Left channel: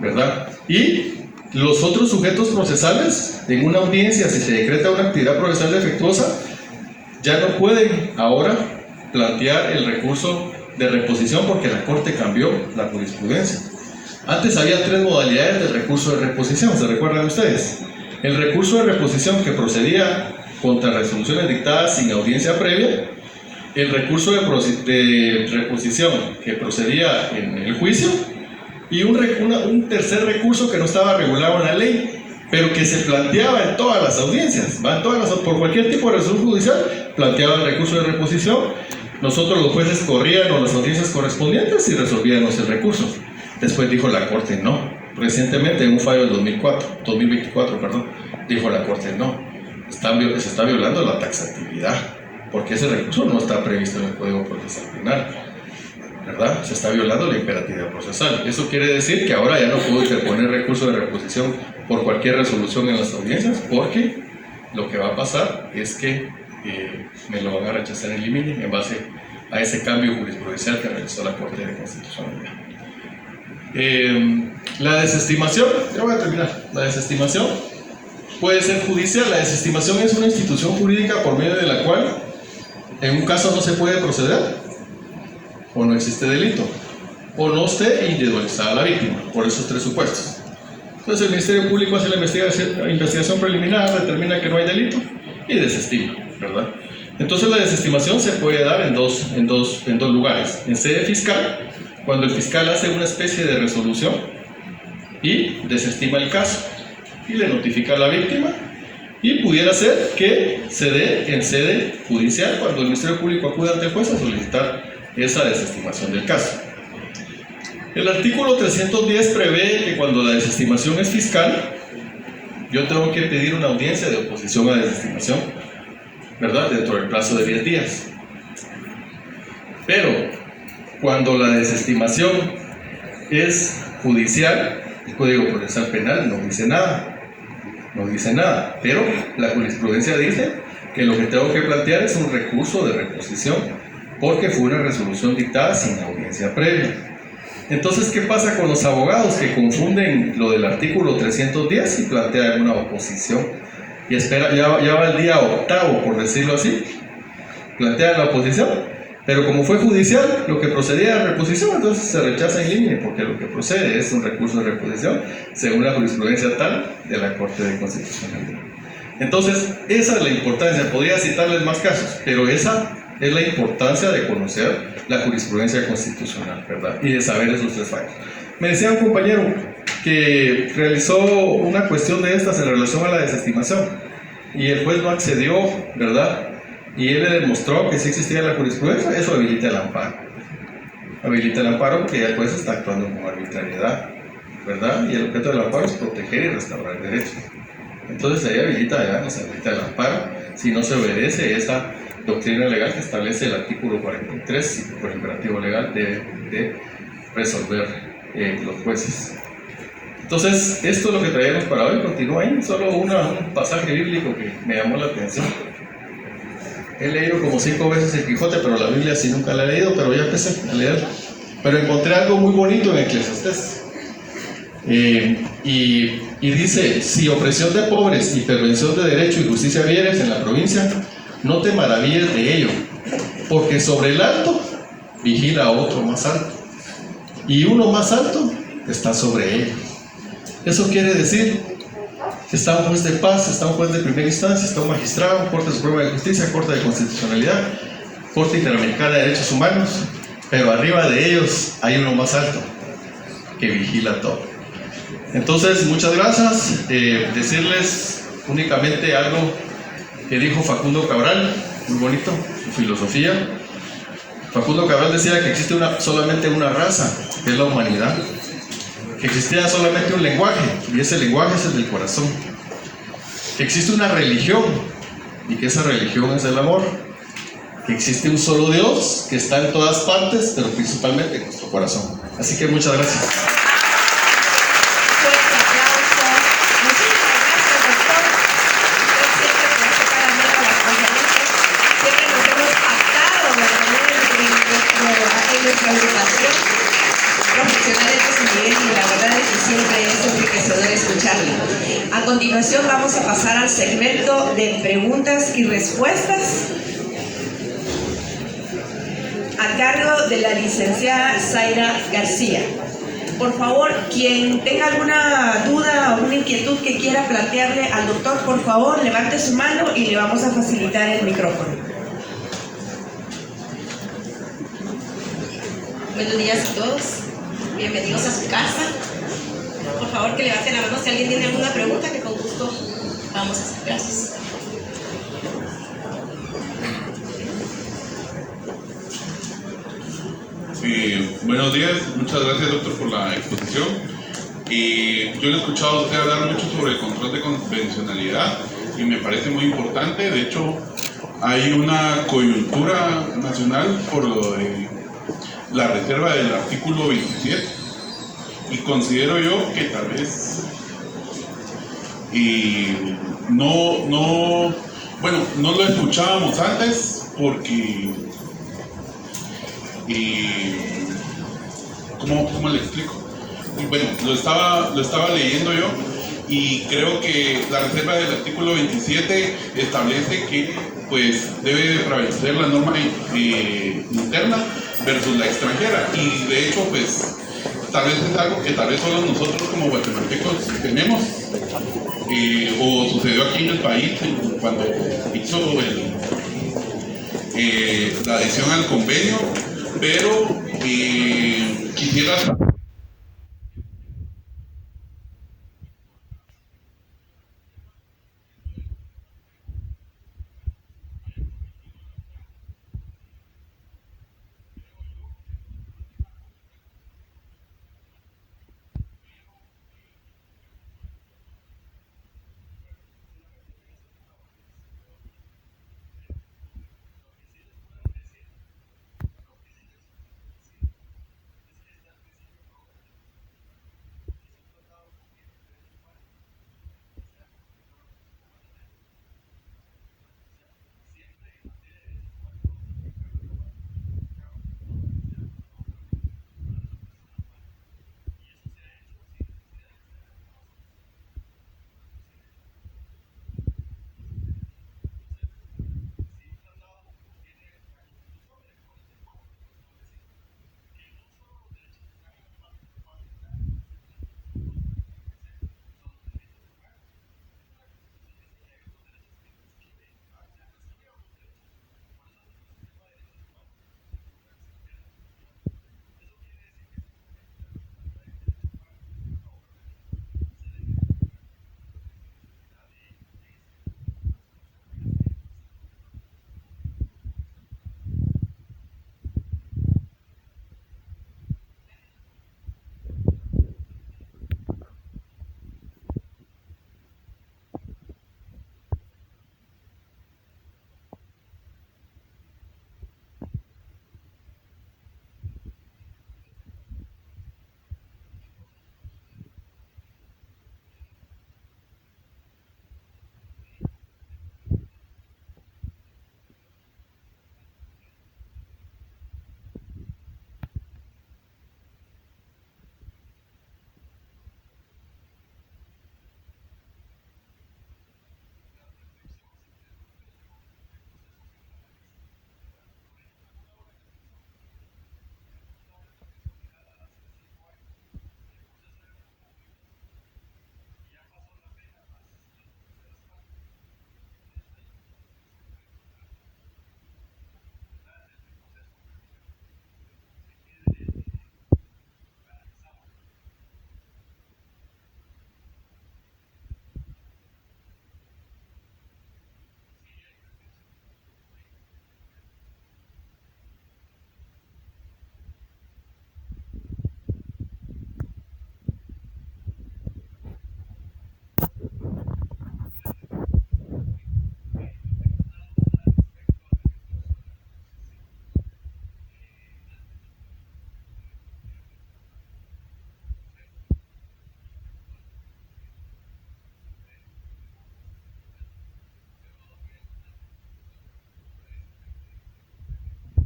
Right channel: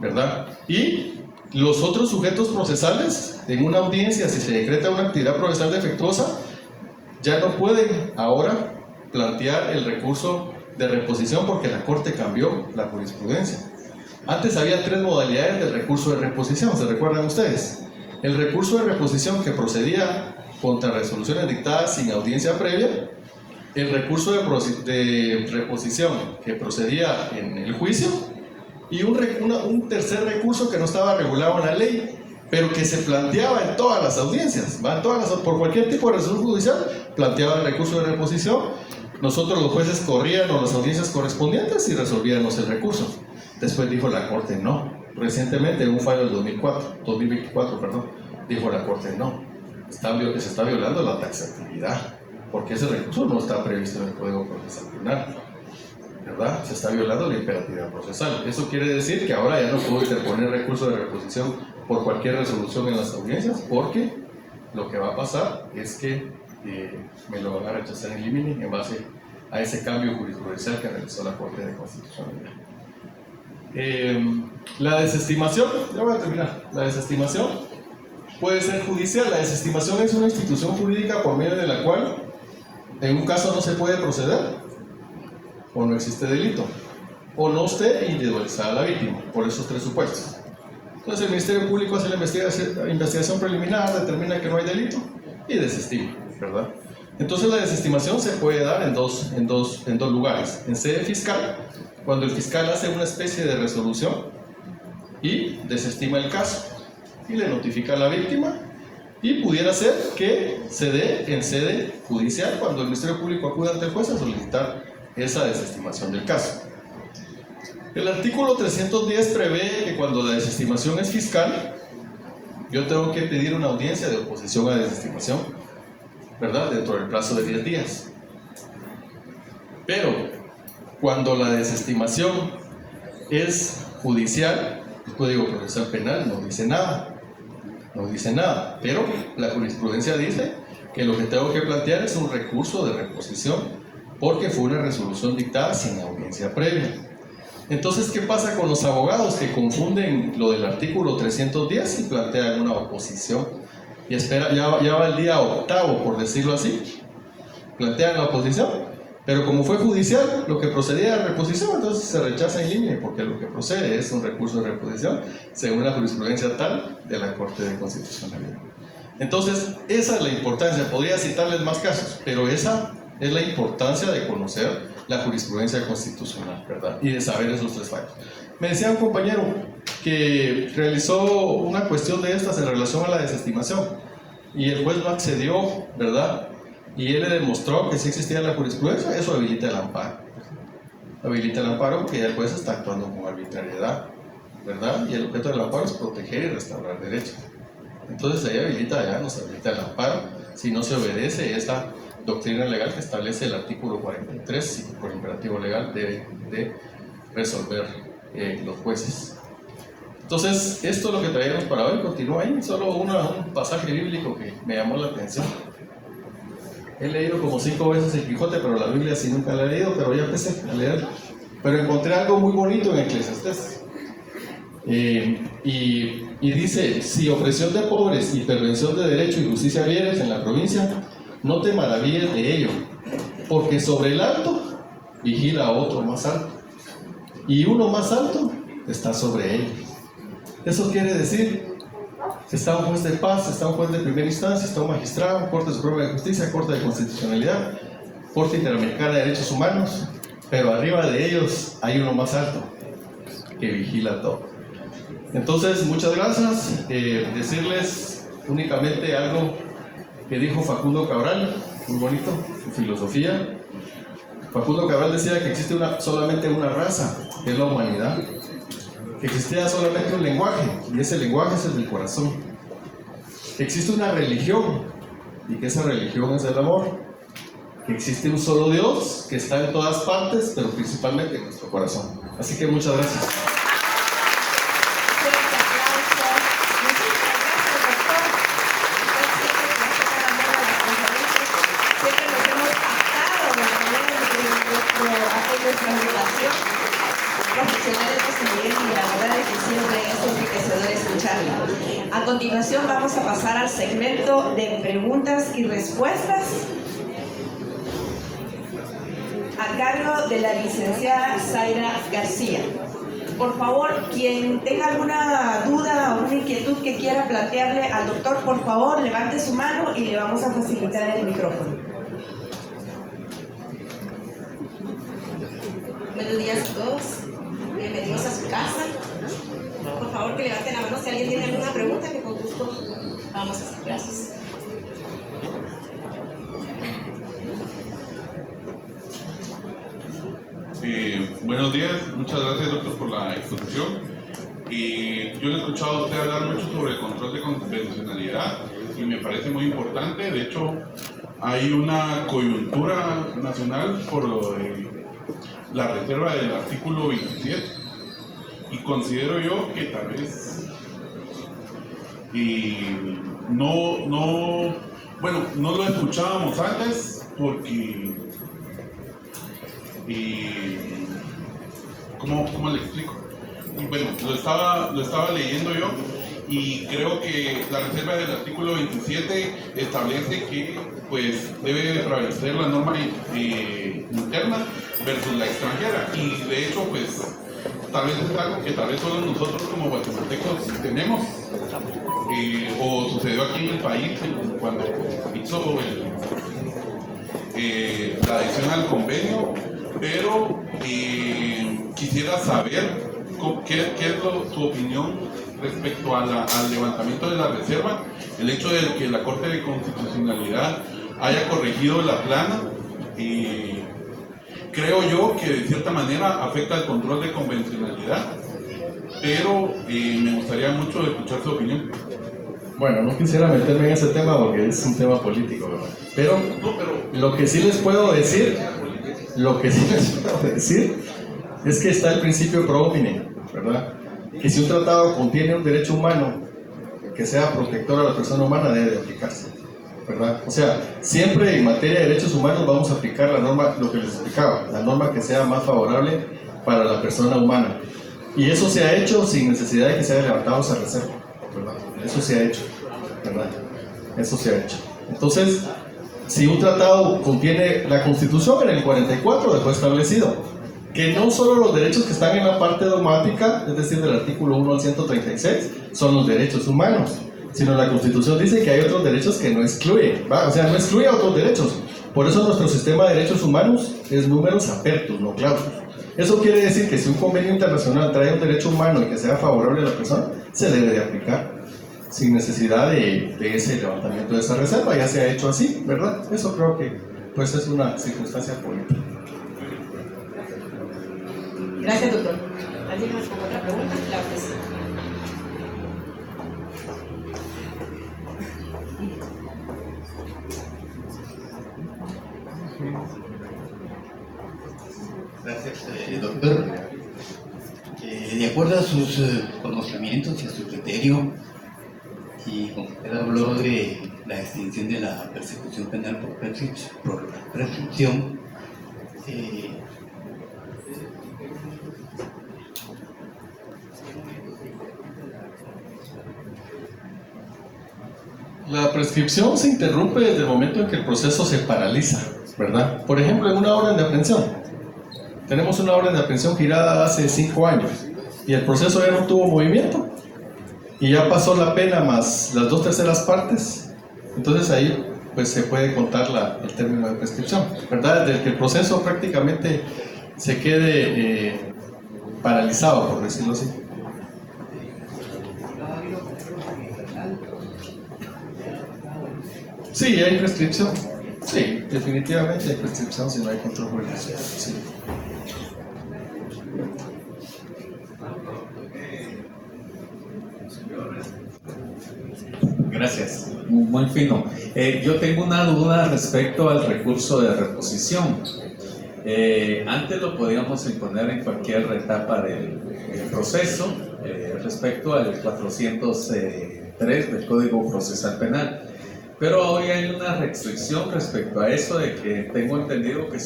¿verdad? Y los otros sujetos procesales, en una audiencia, si se decreta una actividad procesal defectuosa, ya no pueden ahora plantear el recurso de reposición porque la Corte cambió la jurisprudencia. Antes había 3 modalidades del recurso de reposición, ¿se recuerdan ustedes? El recurso de reposición que procedía contra resoluciones dictadas sin audiencia previa, el recurso de reposición que procedía en el juicio y un tercer recurso que no estaba regulado en la ley, pero que se planteaba en todas las audiencias, por cualquier tipo de resolución judicial, planteaba el recurso de reposición. Nosotros los jueces corrían a las audiencias correspondientes y resolvíamos el recurso. Después dijo la Corte no. Recientemente, en un fallo del 2024, dijo la Corte no. Se está violando la taxatividad, porque ese recurso no está previsto en el Código Procesal Penal, ¿verdad? Se está violando la imperatividad procesal. Eso quiere decir que ahora ya no puedo interponer recurso de reposición por cualquier resolución en las audiencias, porque lo que va a pasar es que me lo van a rechazar en limine en base a ese cambio jurisprudencial que realizó la Corte de Constitucionalidad. La desestimación, ya voy a terminar. La desestimación puede ser judicial. La desestimación es una institución jurídica por medio de la cual en un caso no se puede proceder, o no existe delito, o no esté individualizada la víctima, por esos 3 supuestos. Entonces el Ministerio Público hace la investigación preliminar, determina que no hay delito y desestima, ¿verdad? Entonces la desestimación se puede dar en dos lugares. En sede fiscal, cuando el fiscal hace una especie de resolución y desestima el caso y le notifica a la víctima, y pudiera ser que se dé en sede judicial cuando el Ministerio Público acude ante el juez a solicitar esa desestimación del caso. El artículo 310 prevé que cuando la desestimación es fiscal, yo tengo que pedir una audiencia de oposición a desestimación, ¿verdad? Dentro del plazo de 10 días. Pero cuando la desestimación es judicial, el Código Procesal Penal no dice nada. No dice nada, pero la jurisprudencia dice que lo que tengo que plantear es un recurso de reposición porque fue una resolución dictada sin audiencia previa. Entonces, ¿qué pasa con los abogados que confunden lo del artículo 310 y plantean una oposición? Y espera, ya va el día 8º, por decirlo así, plantean la oposición, pero como fue judicial, lo que procedía a reposición, entonces se rechaza en línea, porque lo que procede es un recurso de reposición según la jurisprudencia tal de la Corte de Constitucionalidad. Entonces, esa es la importancia. Podría citarles más casos, pero esa es la importancia de conocer la jurisprudencia constitucional, ¿verdad? Y de saber esos 3 fallos. Me decía un compañero que realizó una cuestión de estas en relación a la desestimación y el juez no accedió, ¿verdad? Y él le demostró que sí existía la jurisprudencia. Eso habilita el amparo. Habilita el amparo porque el juez está actuando con arbitrariedad, ¿verdad? Y el objeto del amparo es proteger y restaurar derechos. Entonces ahí nos habilita el amparo si no se obedece esa doctrina legal que establece el artículo 43 y por imperativo legal de resolver los jueces. Entonces, esto es lo que traemos para hoy. Continúa ahí, solo un pasaje bíblico que me llamó la atención. He leído como 5 veces el Quijote, pero la Biblia sí nunca la he leído, pero ya empecé a leerla. Pero encontré algo muy bonito en Eclesiastés. Y dice: si opresión de pobres y pervención de derecho y justicia vieres en la provincia, no te maravilles de ello, porque sobre el alto vigila a otro más alto, y uno más alto está sobre él. Eso quiere decir que está un juez de paz, está un juez de primera instancia, está un magistrado, Corte Suprema de Justicia, Corte de Constitucionalidad, Corte Interamericana de Derechos Humanos, pero arriba de ellos hay uno más alto que vigila todo. Entonces, muchas gracias. Decirles únicamente algo que dijo Facundo Cabral, muy bonito, su filosofía. Facundo Cabral decía que existe solamente una raza, que es la humanidad, que existía solamente un lenguaje, y ese lenguaje es el del corazón, que existe una religión, y que esa religión es el amor, que existe un solo Dios, que está en todas partes, pero principalmente en nuestro corazón. Así que muchas gracias. Profesionales de su nivel y la verdad es que siempre es enriquecedor escucharle. A continuación vamos a pasar al segmento de preguntas y respuestas a cargo de la licenciada Zaira García. Por favor, quien tenga alguna duda o alguna inquietud que quiera plantearle al doctor, por favor, levante su mano y le vamos a facilitar el micrófono. Buenos días a todos, bienvenidos a su casa. Por favor, que levanten la mano si alguien tiene alguna pregunta, que con gusto vamos a hacer. Gracias. Buenos días, muchas gracias doctor por la exposición. Yo le he escuchado a usted hablar mucho sobre el control de convencionalidad y me parece muy importante. De hecho, hay una coyuntura nacional por la reserva del artículo 27 y considero yo que tal vez no lo escuchábamos antes porque ¿cómo le explico? Bueno, lo estaba leyendo yo y creo que la reserva del artículo 27 establece que pues debe prevalecer la norma interna versus la extranjera, y de hecho pues tal vez es algo que tal vez solo nosotros como guatemaltecos tenemos, o sucedió aquí en el país cuando hizo la adhesión al convenio, pero quisiera saber qué es tu opinión respecto al levantamiento de la reserva, el hecho de que la Corte de Constitucionalidad haya corregido la plana. Creo yo que de cierta manera afecta al control de convencionalidad, pero me gustaría mucho escuchar su opinión. Bueno, no quisiera meterme en ese tema porque es un tema político, ¿verdad? Pero lo que sí les puedo decir es que está el principio pro homine, ¿verdad? Que si un tratado contiene un derecho humano que sea protector a la persona humana, debe de aplicarse, ¿verdad? O sea, siempre en materia de derechos humanos vamos a aplicar la norma, lo que les explicaba, la norma que sea más favorable para la persona humana. Y eso se ha hecho sin necesidad de que se haya levantado esa reserva, ¿verdad? Eso se ha hecho, ¿verdad? Eso se ha hecho. Entonces, si un tratado contiene la Constitución en el 44 dejó establecido que no solo los derechos que están en la parte dogmática, es decir, del artículo 1 al 136, son los derechos humanos, sino la Constitución dice que hay otros derechos que no excluye, ¿va? O sea, no excluye a otros derechos. Por eso nuestro sistema de derechos humanos es números apertus, no clausus. Eso quiere decir que si un convenio internacional trae un derecho humano y que sea favorable a la persona, se debe de aplicar, sin necesidad de ese levantamiento de esa reserva. Ya se ha hecho así, ¿verdad? Eso creo que pues es una circunstancia política. Gracias, doctor. ¿Alguien más con otra pregunta? Claro que sí. Gracias, doctor. De acuerdo a sus conocimientos y a su criterio, y como usted habló de la extinción de la persecución penal por prescripción, la prescripción se interrumpe desde el momento en que el proceso se paraliza, ¿verdad? Por ejemplo, en una orden de aprehensión. Tenemos una orden de aprehensión girada hace 5 años y el proceso ya no tuvo movimiento y ya pasó la pena más las 2/3 partes. Entonces ahí pues se puede contar el término de prescripción, ¿verdad? Desde que el proceso prácticamente se quede paralizado, por decirlo así. Sí, hay prescripción. Sí, definitivamente hay prescripción si no hay control judicial. Sí. Gracias, muy fino. Yo tengo una duda respecto al recurso de reposición. Antes lo podíamos imponer en cualquier etapa del proceso, respecto al 403 del Código Procesal Penal. Pero hoy hay una restricción respecto a eso, de que tengo entendido que